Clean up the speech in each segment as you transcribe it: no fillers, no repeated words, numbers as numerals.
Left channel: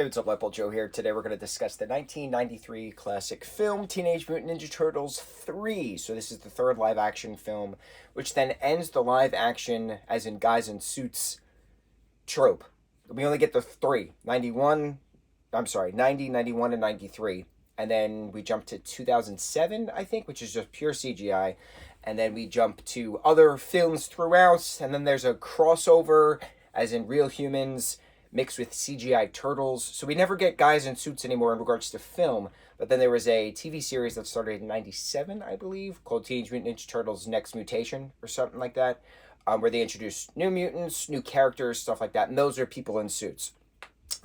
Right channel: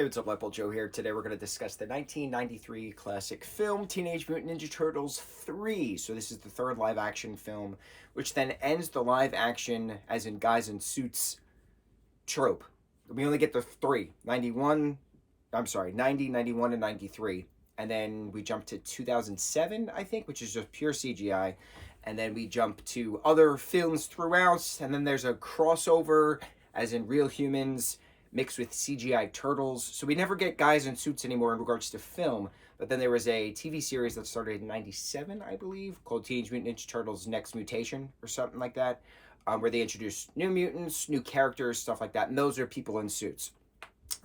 Hey, what's up, lightboltjoe here. Today we're going to discuss the 1993 classic film Teenage Mutant Ninja Turtles 3. So this is the third live-action film, which then ends the live-action, as in guys in suits, trope. We only get the three, 91, I'm sorry, 90, 91, and 93. And then we jump to 2007, I think, which is just pure CGI. And then we jump to other films throughout, and then there's a crossover, as in real humans, mixed with CGI turtles. So we never get guys in suits anymore in regards to film. But then there was a TV series that started in 97, I believe, called Teenage Mutant Ninja Turtles Next Mutation or something like that, where they introduced new mutants, new characters, stuff like that. And those are people in suits.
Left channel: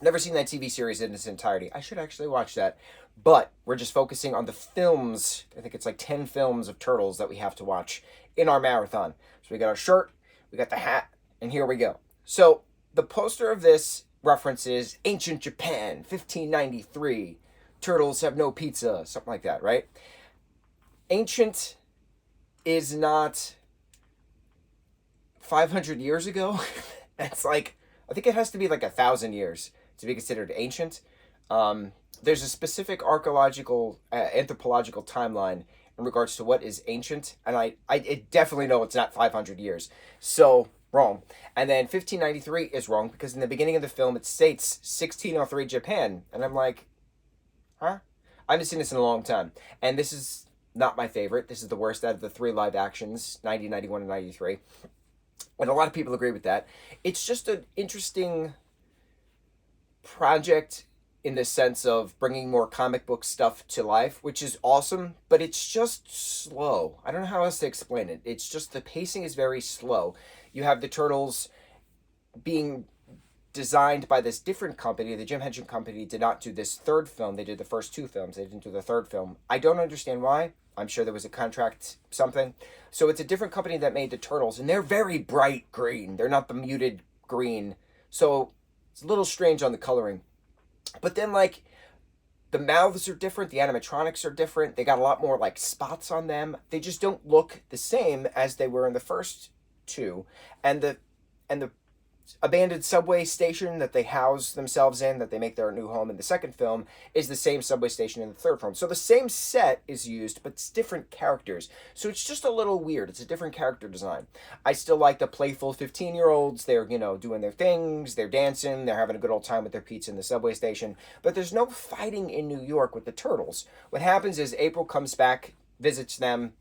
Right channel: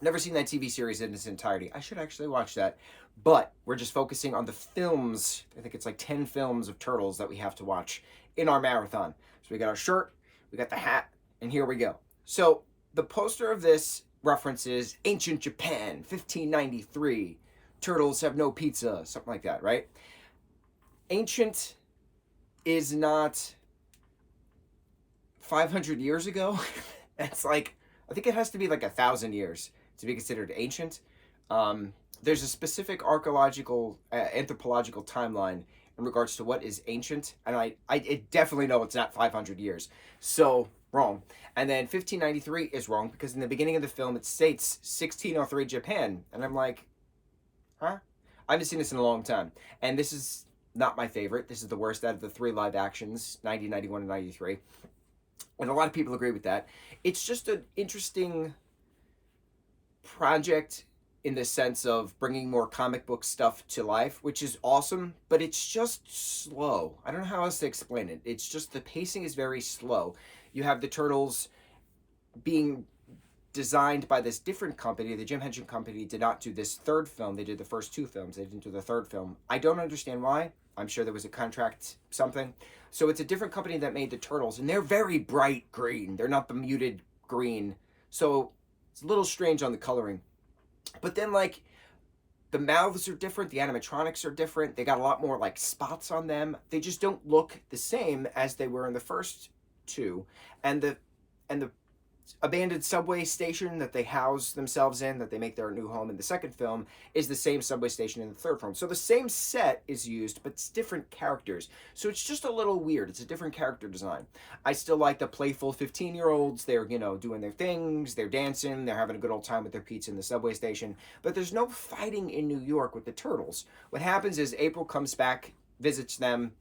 Never seen that TV series in its entirety. I should actually watch that. But we're just focusing on the films. I think it's like 10 films of Turtles that we have to watch in our marathon. So we got our shirt, we got the hat, and here we go. So the poster of this references ancient Japan, 1593. Turtles have no pizza, something like that, right? Ancient is not 500 years ago. It's like, I think it has to be like 1,000 years to be considered ancient. There's a specific archaeological, anthropological timeline in regards to what is ancient, and I definitely know it's not 500 years. So wrong. And then 1593 is wrong because in the beginning of the film it states 1603 Japan, and I'm like, huh? I haven't seen this in a long time, and this is not my favorite. This is the worst out of the three live actions, 90, 91, and 93. And a lot of people agree with that. It's just an interesting project in the sense of bringing more comic book stuff to life, which is awesome, but it's just slow. I don't know how else to explain it. It's just the pacing is very slow. You have the Turtles being designed by this different company. The Jim Henson Company did not do this third film. They did the first two films. They didn't do the third film. I don't understand why. I'm sure there was a contract something. So it's a different company that made the Turtles, and they're very bright green. They're not the muted green. So it's a little strange on the coloring. But then, like, the mouths are different. The animatronics are different. They got a lot more, like, spots on them. They just don't look the same as they were in the first two. And the abandoned subway station that they house themselves in, that they make their new home in the second film, is the same subway station in the third film. So the same set is used, but it's different characters. So it's just a little weird. It's a different character design. I still like the playful 15-year-olds. They're, doing their things. They're dancing. They're having a good old time with their pizza in the subway station. But there's no fighting in New York with the Turtles. What happens is April comes back, visits them,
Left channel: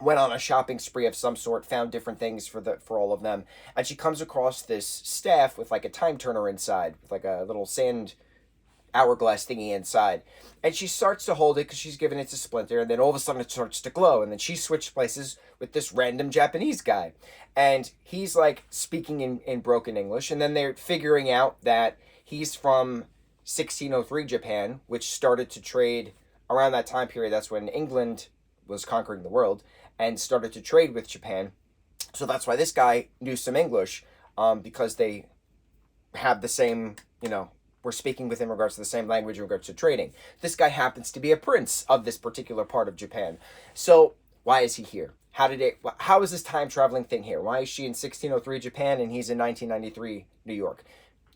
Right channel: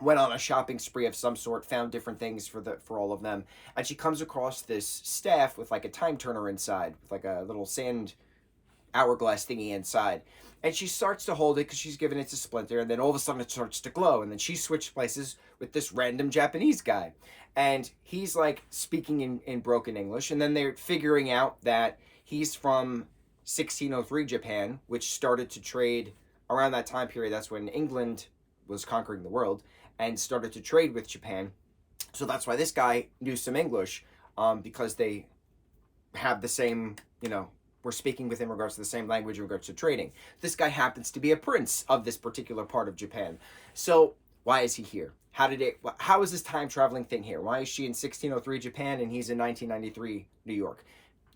went on a shopping spree of some sort, found different things for all of them, and she comes across this staff with like a time turner inside, with like a little sand hourglass thingy inside, and she starts to hold it because she's giving it to Splinter, and then all of a sudden it starts to glow, and then she switched places with this random Japanese guy, and he's like speaking in broken English, and then they're figuring out that he's from 1603 Japan, which started to trade around that time period. That's when England was conquering the world and started to trade with Japan. So that's why this guy knew some English, because they have the same, we're speaking with in regards to the same language in regards to trading. This guy happens to be a prince of this particular part of Japan. So why is he here? How is this time traveling thing here? Why is she in 1603 Japan and he's in 1993 New York?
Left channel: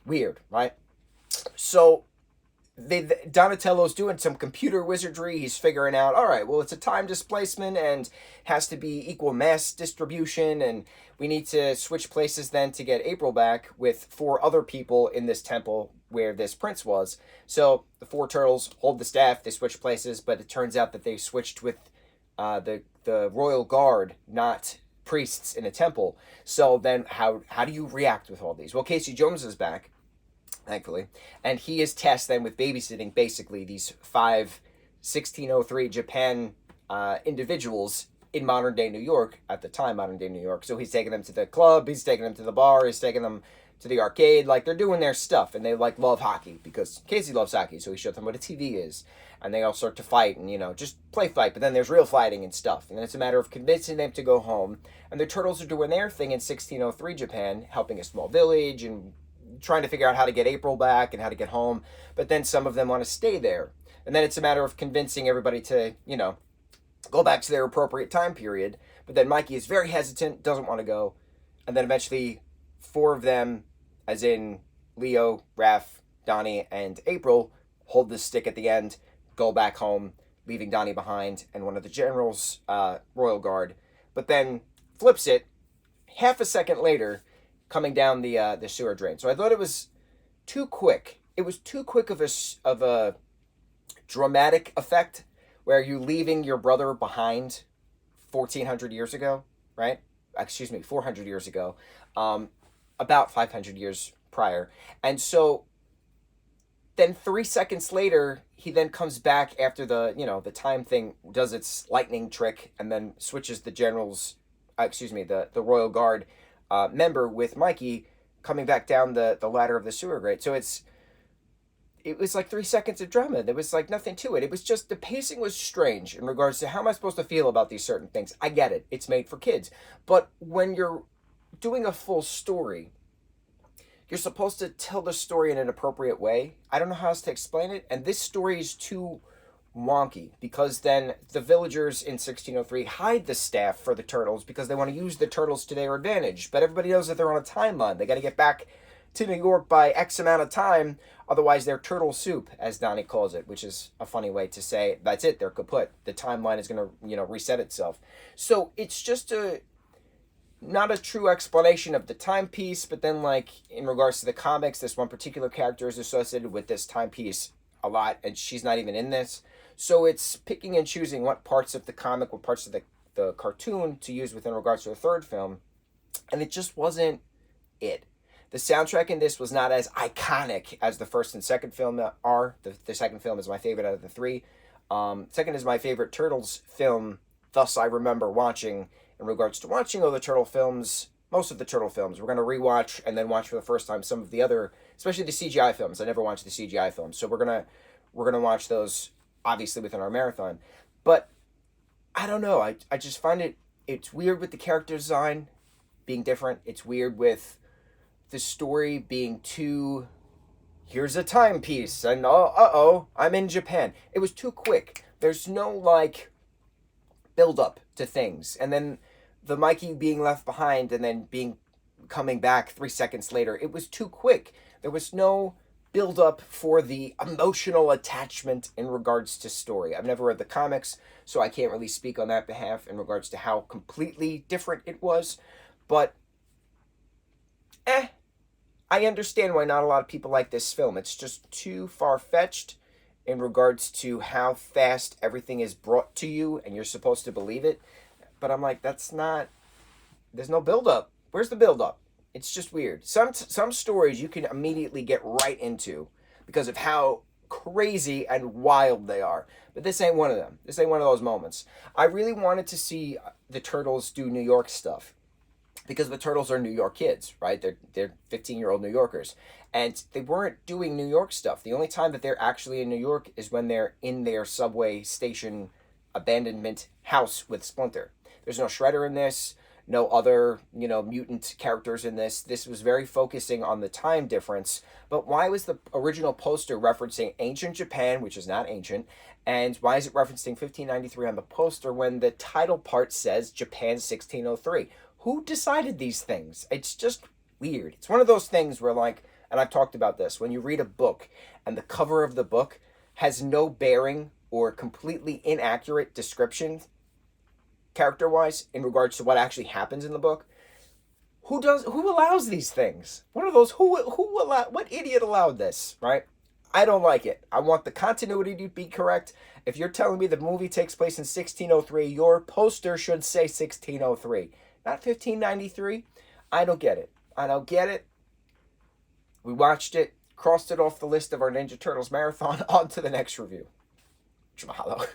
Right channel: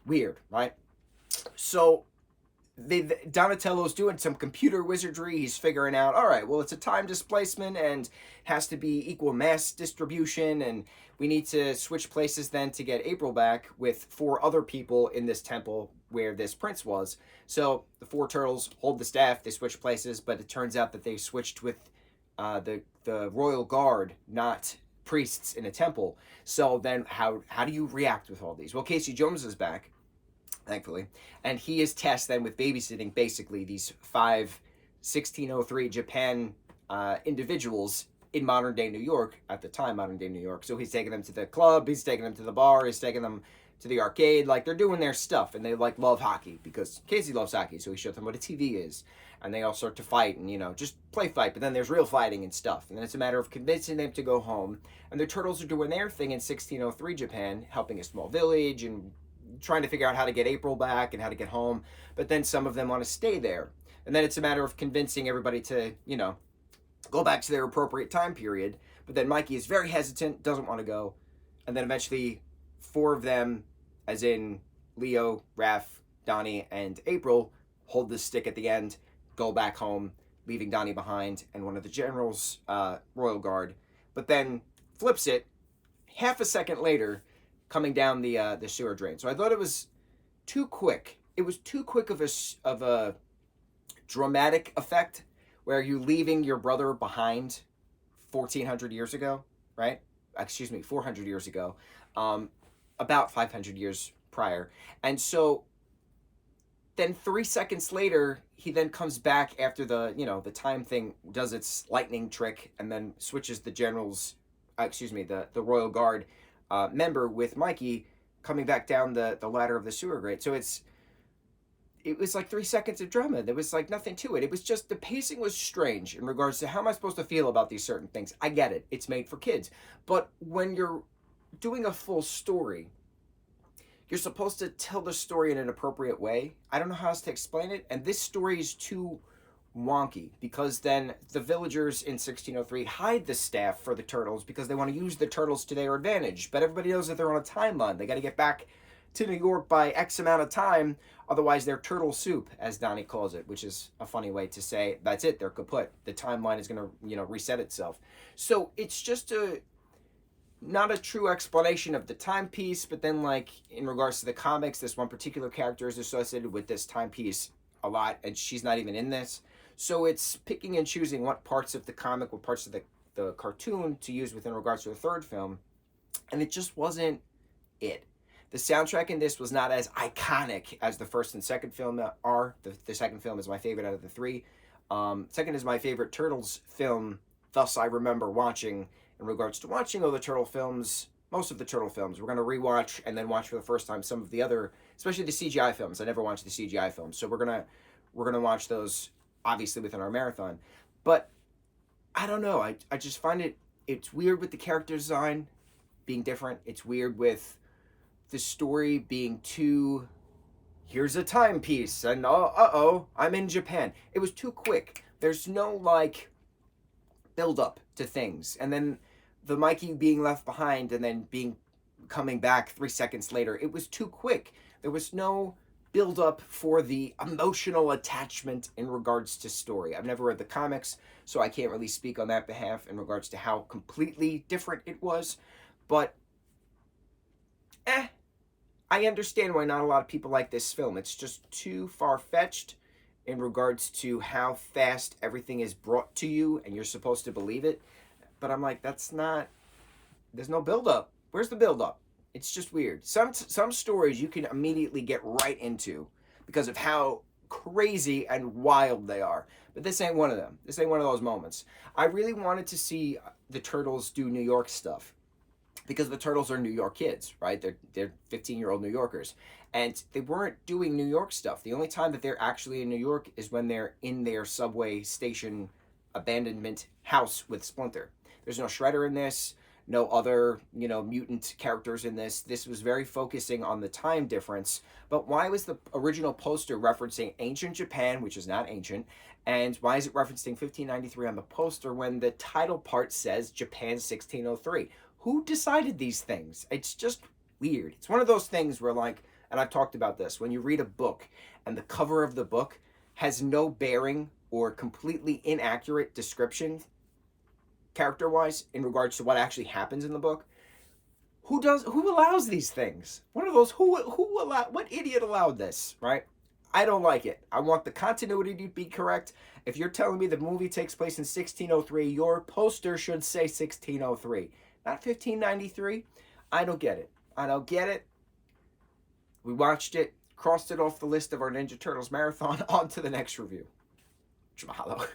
Weird, right? So Donatello's doing some computer wizardry. He's figuring out, all right, well, it's a time displacement and has to be equal mass distribution, and we need to switch places then to get April back with 4 other people in this temple where this prince was. So the 4 turtles hold the staff, they switch places, but it turns out that they switched with the royal guard, not priests in a temple. So then how do you react with all these? Well, Casey Jones is back, thankfully, and he is tasked then with babysitting basically these 5 1603 Japan individuals in modern day New York, at the time modern day New York. So he's taking them to the club, he's taking them to the bar, he's taking them to the arcade. Like, they're doing their stuff, and they like love hockey because Casey loves hockey, so he showed them what a TV is, and they all start to fight and just play fight. But then there's real fighting and stuff, and then it's a matter of convincing them to go home. And the turtles are doing their thing in 1603 Japan, helping a small village and trying to figure out how to get April back and how to get home. But then some of them want to stay there, and then it's a matter of convincing everybody to go back to their appropriate time period. But then Mikey is very hesitant, doesn't want to go, and then eventually 4 of them, as in Leo, Raph, Donnie and April hold the stick at the end, go back home, leaving Donnie behind and one of the generals, royal guard, but then flips it half a second later, coming down the sewer drain. So I thought it was too quick. It was too quick of a dramatic effect, where you leaving your brother behind 1,400 years ago, right? Excuse me, 400 years ago, about 500 years prior. And so then 3 seconds later, he then comes back after the time thing does its lightning trick, and then switches the general's, the royal guard member with Mikey coming back down the ladder of the sewer grate. So it was like 3 seconds of drama. There was like nothing to it. It was just, the pacing was strange in regards to how am I supposed to feel about these certain things. I get it. It's made for kids. But when you're doing a full story, you're supposed to tell the story in an appropriate way. I don't know how else to explain it. And this story is too wonky, because then the villagers in 1603 hide the staff for the turtles because they want to use the turtles to their advantage. But everybody knows that they're on a timeline. They got to get back to New York by X amount of time. Otherwise, they're turtle soup, as Donnie calls it, which is a funny way to say that's it. They're kaput. The timeline is going to, reset itself. So it's just not a true explanation of the timepiece. But then, like, in regards to the comics, this one particular character is associated with this timepiece a lot, and she's not even in this. So it's picking and choosing what parts of the comic, what parts of the cartoon to use within regards to a third film. And it just wasn't it. The soundtrack in this was not as iconic as the first and second film are. The second film is my favorite out of the three. Second is my favorite Turtles film, thus I remember watching, in regards to watching all the Turtle films, most of the Turtle films. We're going to rewatch and then watch for the first time some of the other, especially the CGI films. I never watched the CGI films. So we're gonna watch those, obviously, within our marathon. But I don't know. I just find it's weird with the character design being different. It's weird with the story being too, here's a timepiece, and I'm in Japan. It was too quick. There's no, like, build up to things. And then the Mikey being left behind and then coming back 3 seconds later, it was too quick. There was no build up for the emotional attachment in regards to story. I've never read the comics, so I can't really speak on that behalf in regards to how completely different it was. But I understand why not a lot of people like this film. It's just too far-fetched in regards to how fast everything is brought to you and you're supposed to believe it. But I'm like, there's no build-up. Where's the build-up? It's just weird. Some stories you can immediately get right into because of how crazy and wild they are. But this ain't one of them. This ain't one of those moments. I really wanted to see the Turtles do New York stuff, because the Turtles are New York kids, right? They're 15-year-old New Yorkers. And they weren't doing New York stuff. The only time that they're actually in New York is when they're in their subway station abandonment house with Splinter. There's no Shredder in this, no other, mutant characters in this. This was very focusing on the time difference. But why was the original poster referencing ancient Japan, which is not ancient, and why is it referencing 1593 on the poster when the title part says Japan 1603? Who decided these things? It's just weird. It's one of those things where, like, and I've talked about this, when you read a book and the cover of the book has no bearing or completely inaccurate description, character-wise, in regards to what actually happens in the book, who allows these things? One of those, what idiot allowed this, right? I don't like it. I want the continuity to be correct. If you're telling me the movie takes place in 1603, your poster should say 1603. Not 1593. I don't get it. We watched it, crossed it off the list of our Ninja Turtles marathon. On to the next review. Mahalo.